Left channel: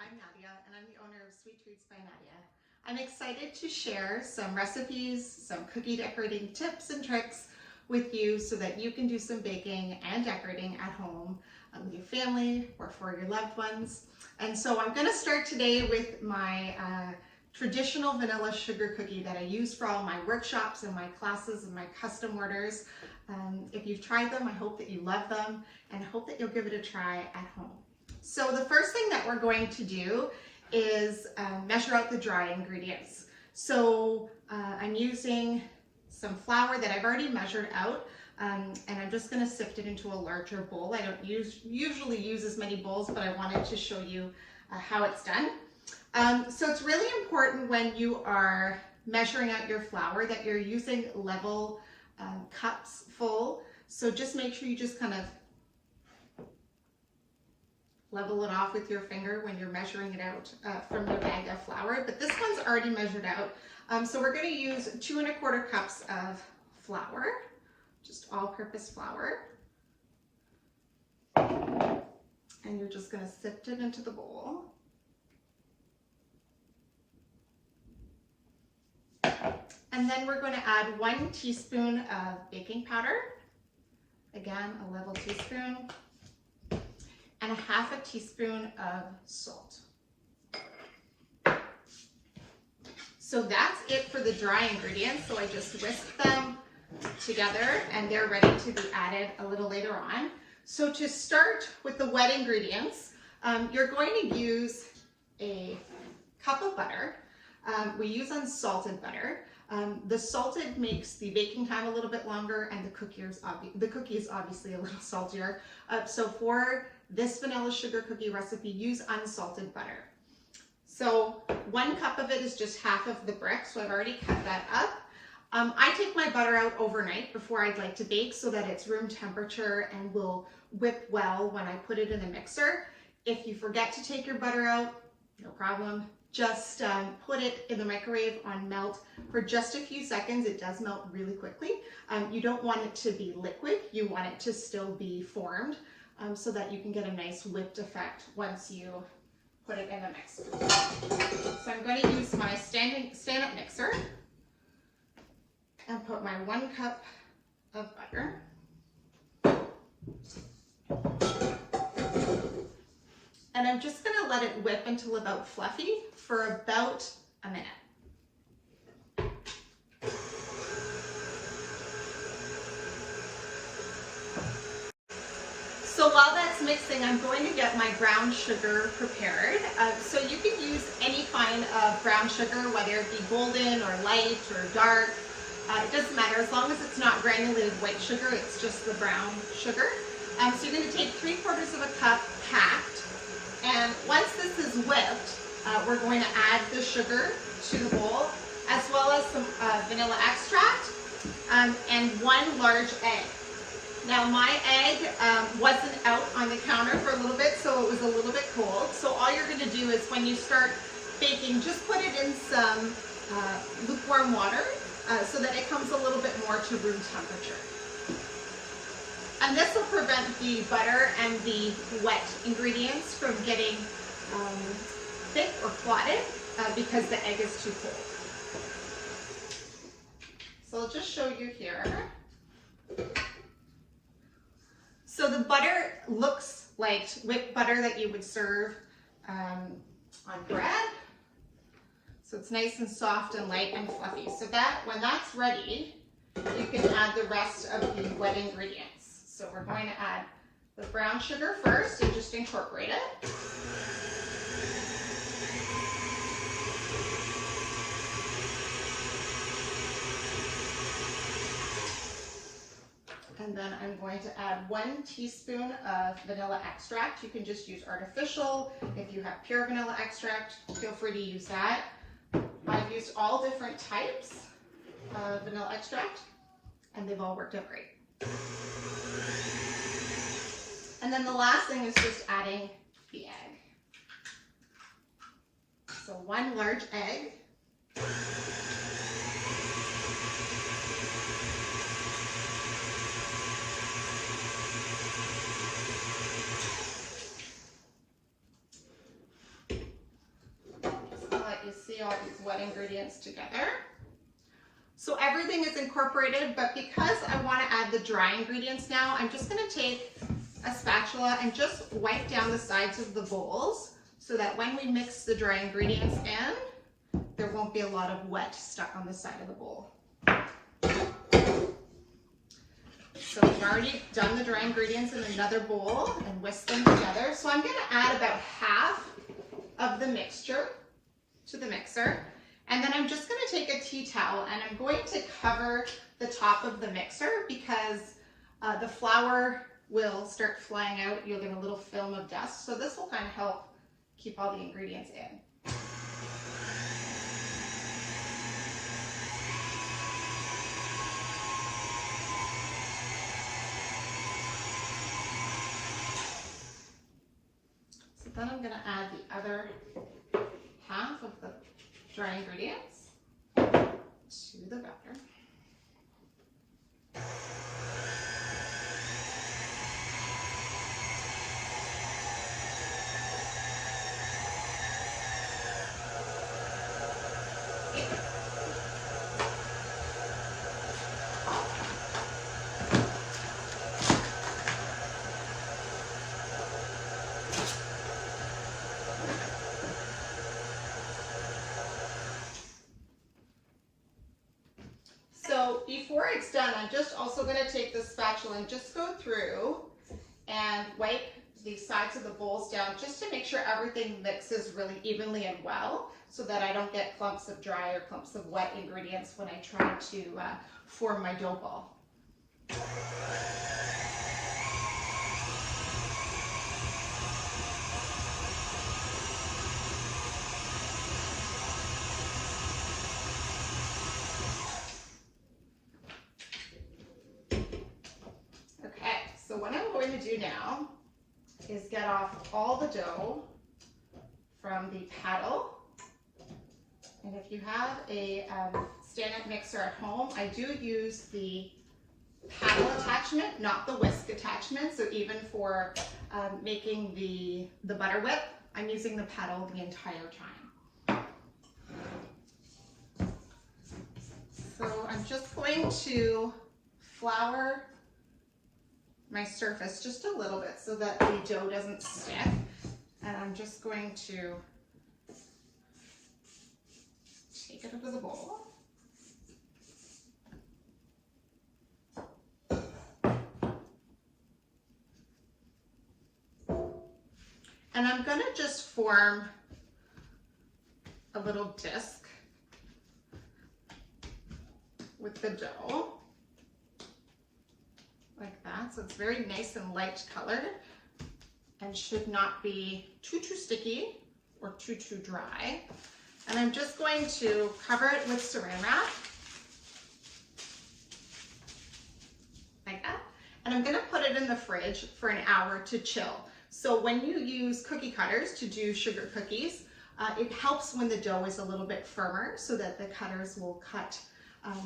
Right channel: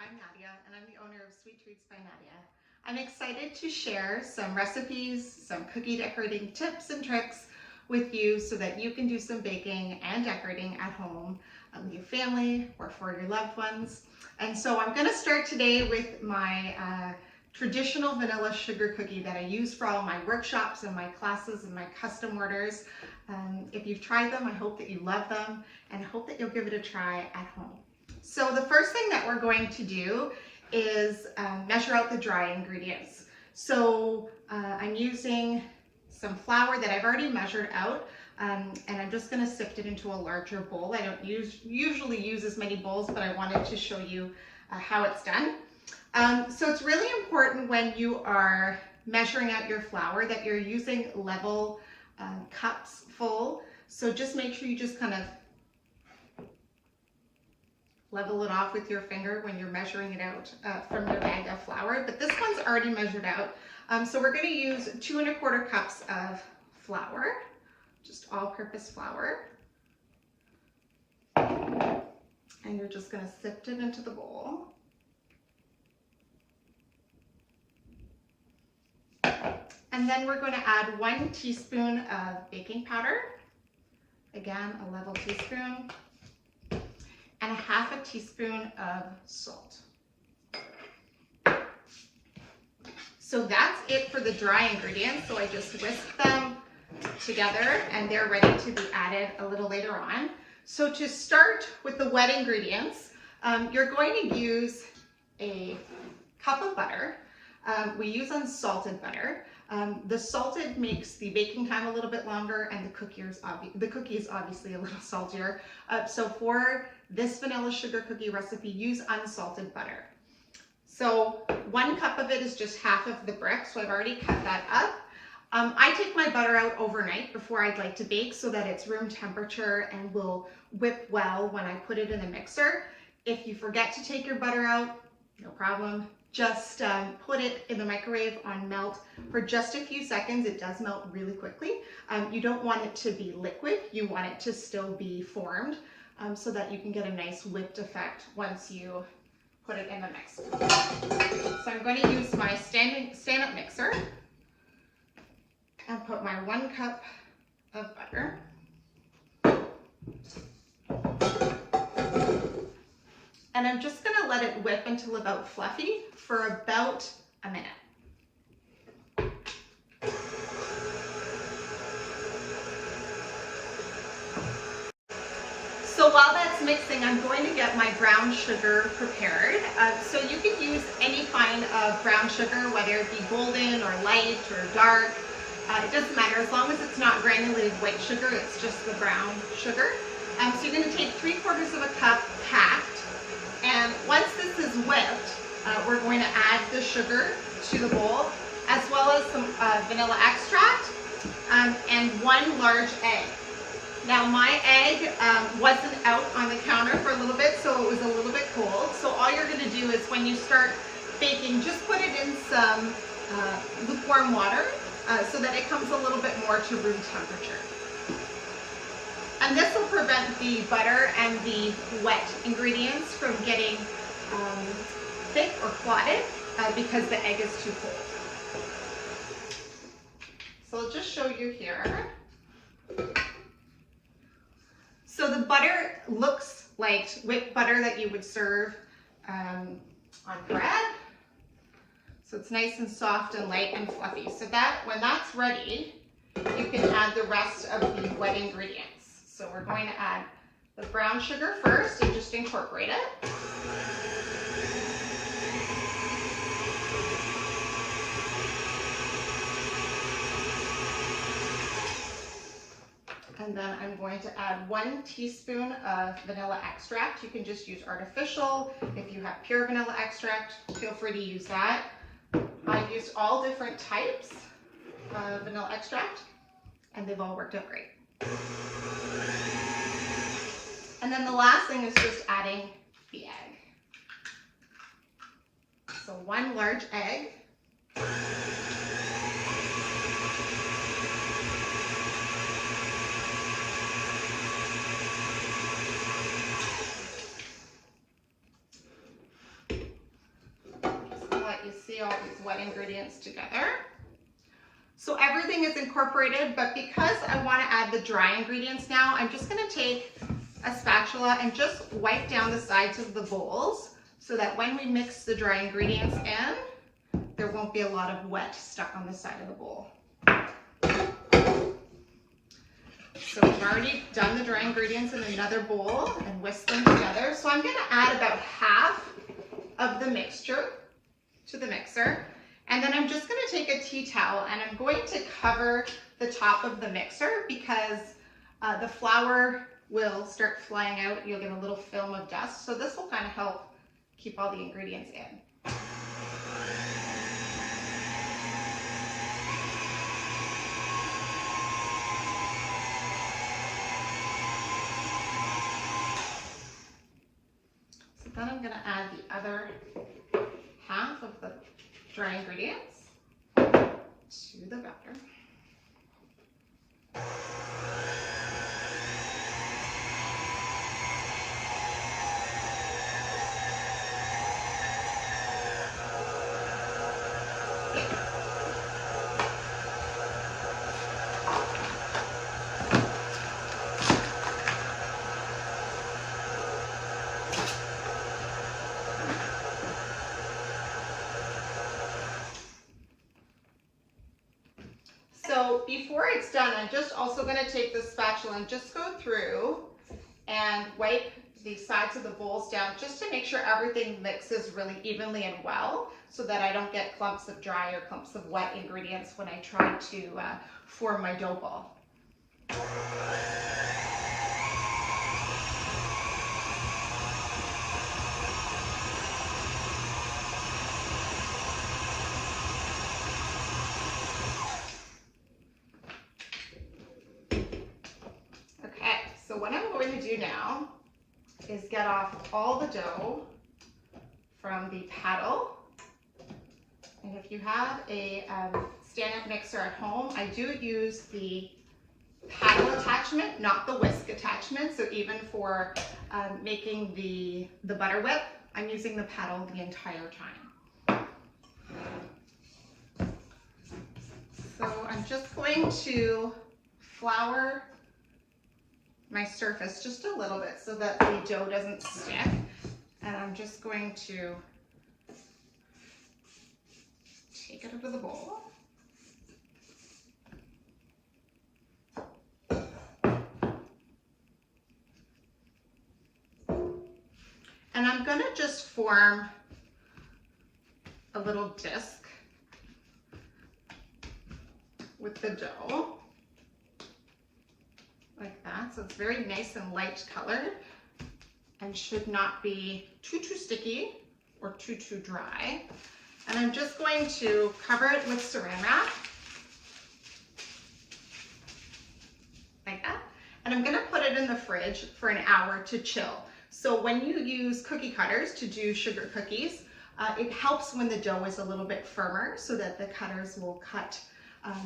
I'm Nadia, and I'm the owner of Sweet Treats by Nadia. I'm excited to share some recipes, some cookie decorating tips and tricks with you so that you can do some baking and decorating at home with your family or for your loved ones. And so I'm going to start today with my traditional vanilla sugar cookie that I use for all my workshops and my classes and my custom orders. If you've tried them, I hope that you love them and I hope that you'll give it a try at home. So the first thing that we're going to do is measure out the dry ingredients. So I'm using some flour that I've already measured out, and I'm just going to sift it into a larger bowl. I don't usually use as many bowls, but I wanted to show you how it's done. So it's really important when you are measuring out your flour that you're using level cups full. So just make sure you just kind of level it off with your finger when you're measuring it out from your bag of flour. But this one's already measured out. So we're going to use 2 1/4 cups of flour, just all-purpose flour. And you're just going to sift it into the bowl. And then we're going to add 1 teaspoon of baking powder. Again, a level teaspoon. And 1/2 teaspoon of salt. So that's it for the dry ingredients. So I just whisk them together and they're ready to be added a little later on. So to start with the wet ingredients, you're going to use a cup of butter. We use unsalted butter. The salted makes the baking time a little bit longer and the cookie is obviously a little saltier. So for this vanilla sugar cookie recipe, use unsalted butter. So 1 cup of it is just 1/2 of the brick, so I've already cut that up. I take my butter out overnight before I'd like to bake so that it's room temperature and will whip well when I put it in a mixer. If you forget to take your butter out, no problem. Just put it in the microwave on melt for just a few seconds. It does melt really quickly. You don't want it to be liquid. You want it to still be formed so that you can get a nice whipped effect once you put it in the mix. So I'm going to use my stand-up mixer and put my 1 cup of butter. And I'm just going to let it whip until about fluffy for about a minute. So while that's mixing, I'm going to get my brown sugar prepared. So you can use any kind of brown sugar, whether it be golden or light or dark. It doesn't matter, as long as it's not granulated white sugar, it's just the brown sugar. So you're going to take 3/4 cup packed. And once this is whipped, we're going to add the sugar to the bowl, as well as some vanilla extract and 1 large egg. Now my egg wasn't out on the counter for a little bit, so it was a little bit cold. So all you're going to do is when you start baking, just put it in some lukewarm water so that it comes a little bit more to room temperature. And this will prevent the butter and the wet ingredients from getting thick or clotted because the egg is too cold. So I'll just show you here. So the butter looks like whipped butter that you would serve on bread. So it's nice and soft and light and fluffy. So that when that's ready, you can add the rest of the wet ingredients. So we're going to add the brown sugar first and just incorporate it. And then I'm going to add 1 teaspoon of vanilla extract. You can just use artificial. If you have pure vanilla extract, feel free to use that. I've used all different types of vanilla extract, and they've all worked out great. And then the last thing is just adding the egg. So 1 large egg. see all these wet ingredients together. So everything is incorporated, but because I want to add the dry ingredients now, I'm just going to take a spatula and just wipe down the sides of the bowls so that when we mix the dry ingredients in, there won't be a lot of wet stuck on the side of the bowl. So we've already done the dry ingredients in another bowl and whisked them together. So I'm going to add about half of the mixture to the mixer. And then I'm just going to take a tea towel and I'm going to cover the top of the mixer because the flour will start flying out. You'll get a little film of dust. So this will kind of help keep all the ingredients in. So then I'm going to add the other half of the dry ingredients to the batter. So before it's done, I'm just also going to take the spatula and just go through and wipe the sides of the bowls down just to make sure everything mixes really evenly and well so that I don't get clumps of dry or clumps of wet ingredients when I try to form my dough ball. So what I'm going to do now is get off all the dough from the paddle. And if you have a stand-up mixer at home, I do use the paddle attachment, not the whisk attachment. So even for making the butter whip, I'm using the paddle the entire time. So I'm just going to flour my surface just a little bit so that the dough doesn't stick. And I'm just going to take it into the bowl. And I'm gonna just form a little disc with the dough. Like that, so it's very nice and light colored and should not be too sticky or too dry. And I'm just going to cover it with saran wrap, like that. And I'm gonna put it in the fridge for an hour to chill. So when you use cookie cutters to do sugar cookies, it helps when the dough is a little bit firmer so that the cutters will cut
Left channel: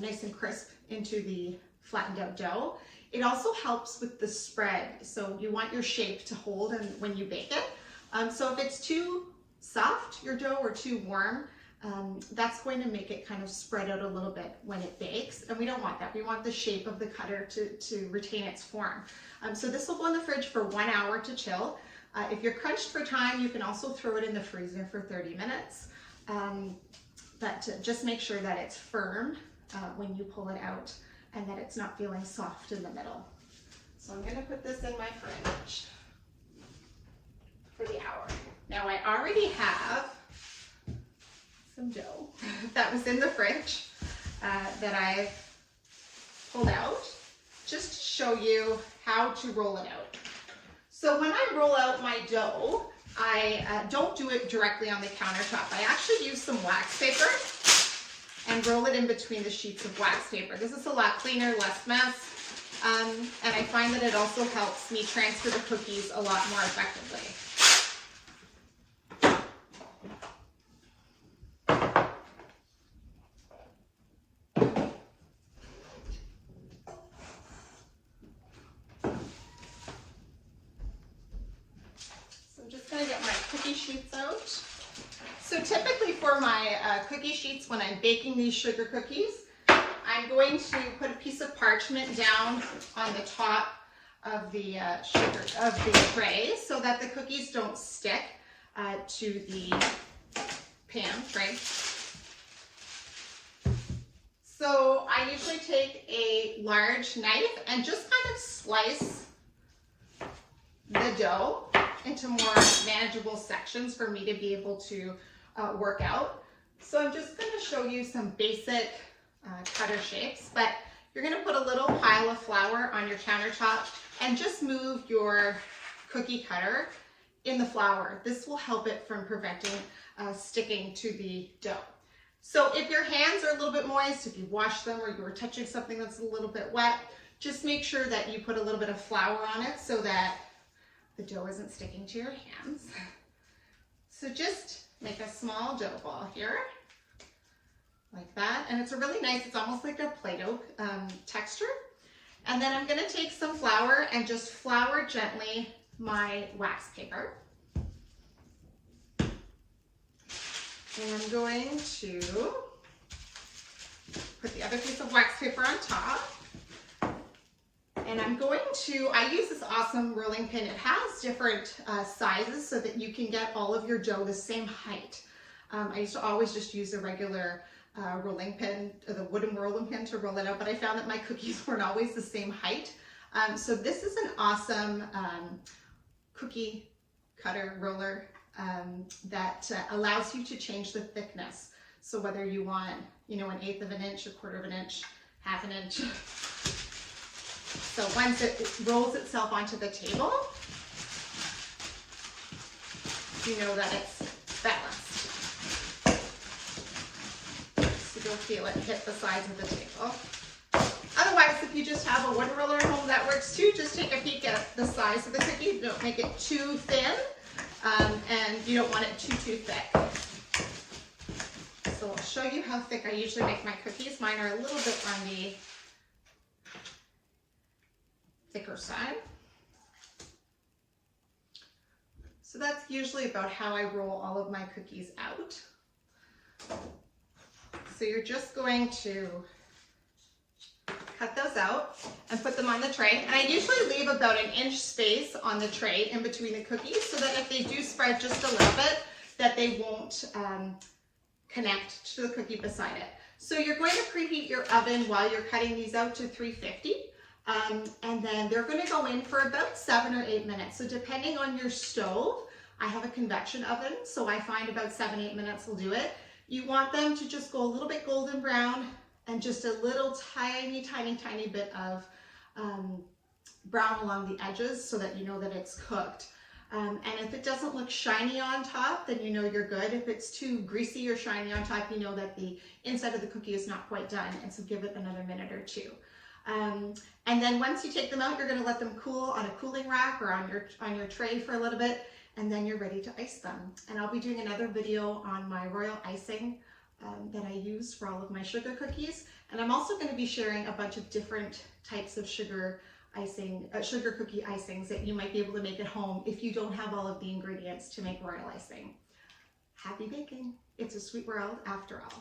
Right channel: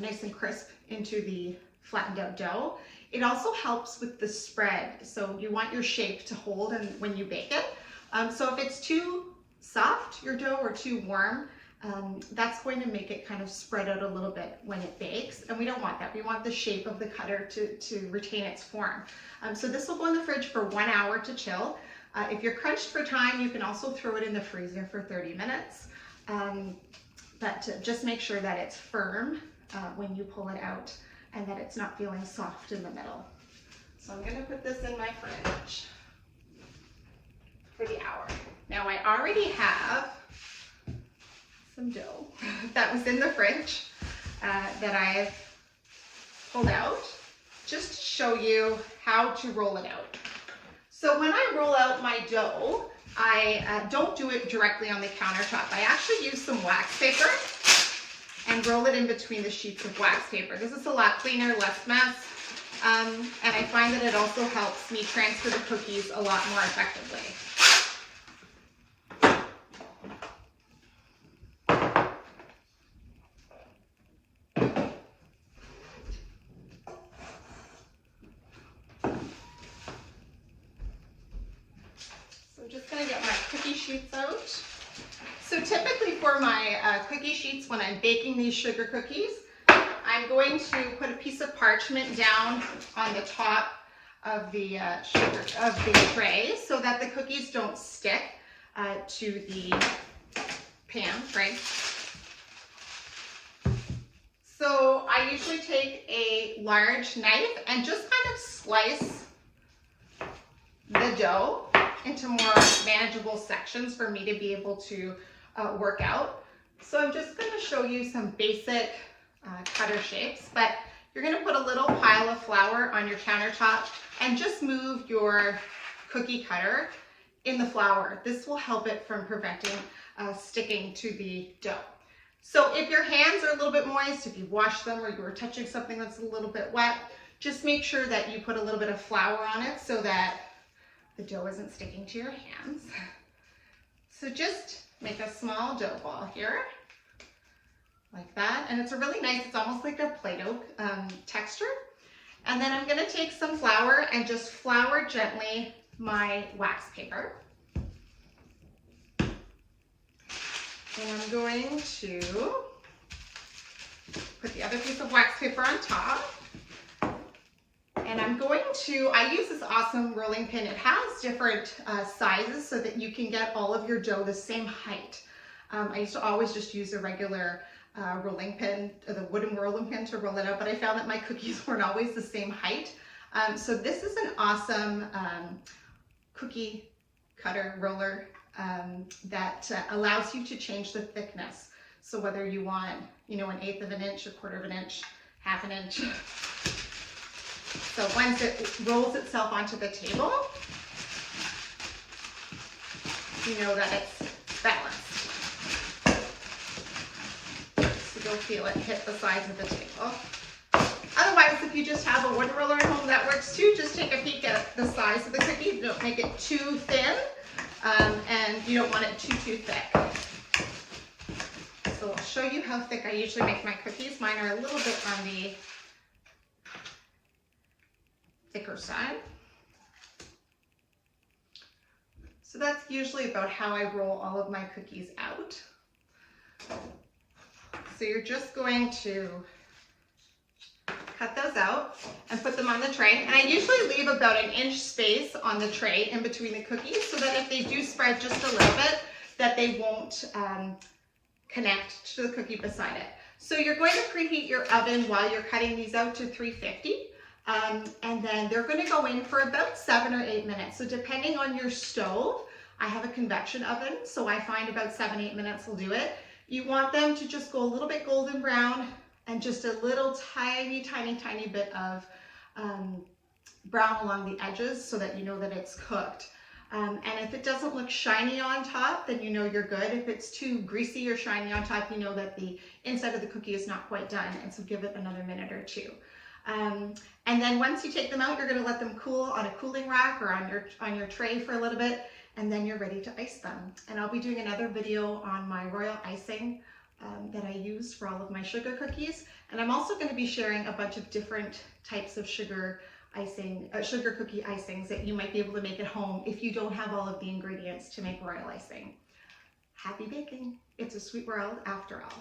nice and crisp into the flattened out dough. It also helps with the spread. So you want your shape to hold and when you bake it. So if it's too soft, your dough, or too warm, that's going to make it kind of spread out a little bit when it bakes. And we don't want that. We want the shape of the cutter to retain its form. So this will go in the fridge for 1 hour to chill. If you're crunched for time, you can also throw it in the freezer for 30 minutes. But just make sure that it's firm when you pull it out, and that it's not feeling soft in the middle. So I'm gonna put this in my fridge for the hour. Now I already have some dough that was in the fridge that I've pulled out, just to show you how to roll it out. So when I roll out my dough, I don't do it directly on the countertop. I actually use some wax paper and roll it in between the sheets of wax paper. This is a lot cleaner, less mess, and I find that it also helps me transfer the cookies a lot more effectively. So I'm just gonna get my cookie sheets out. So typically for my cookie sheets, when I'm baking these sugar cookies, I'm going to put a piece of parchment down on the top of the tray so that the cookies don't stick to the pan, right? So I usually take a large knife and just kind of slice the dough into more manageable sections for me to be able to work out. So I'm just going to show you some basic cutter shapes, but you're going to put a little pile of flour on your countertop and just move your cookie cutter in the flour. This will help it from preventing sticking to the dough. So if your hands are a little bit moist, if you wash them or you were touching something that's a little bit wet, just make sure that you put a little bit of flour on it so that the dough isn't sticking to your hands. So just make a small dough ball here, like that. And it's a really nice, it's almost like a Play-Doh texture. And then I'm gonna take some flour and just flour gently my wax paper. And I'm going to put the other piece of wax paper on top. And I'm going to, I use this awesome rolling pin. It has different sizes so that you can get all of your dough the same height. I used to always just use a regular rolling pin, the wooden rolling pin to roll it out, but I found that my cookies weren't always the same height. So this is an awesome cookie cutter roller that allows you to change the thickness. So whether you want, you know, 1/8 of an inch, 1/4 of an inch, 1/2 an inch. So once it rolls itself onto the table, you know that it's balanced. So you'll feel it hit the sides of the table. Otherwise, if you just have a wooden roller at home, that works too. Just take a peek at the size of the cookie. Don't make it too thin, and you don't want it too thick. So I'll show you how thick I usually make my cookies. Mine are a little bit on the thicker side. So that's usually about how I roll all of my cookies out. So you're just going to cut those out and put them on the tray. And I usually leave about 1 inch space on the tray in between the cookies so that if they do spread just a little bit, that they won't connect to the cookie beside it. So you're going to preheat your oven while you're cutting these out to 350. And then they're going to go in for about 7 or 8 minutes. So depending on your stove, I have a convection oven, so I find about 7-8 minutes will do it. You want them to just go a little bit golden brown and just a little tiny bit of brown along the edges so that you know that it's cooked. And if it doesn't look shiny on top, then you know you're good. If it's too greasy or shiny on top, you know that the inside of the cookie is not quite done, and so give it another minute or two. And then once you take them out, you're going to let them cool on a cooling rack or on your tray for a little bit, and then you're ready to ice them. And I'll be doing another video on my royal icing that I use for all of my sugar cookies. And I'm also going to be sharing a bunch of different types of sugar icing, sugar cookie icings that you might be able to make at home if you don't have all of the ingredients to make royal icing. Happy baking! It's a sweet world after all.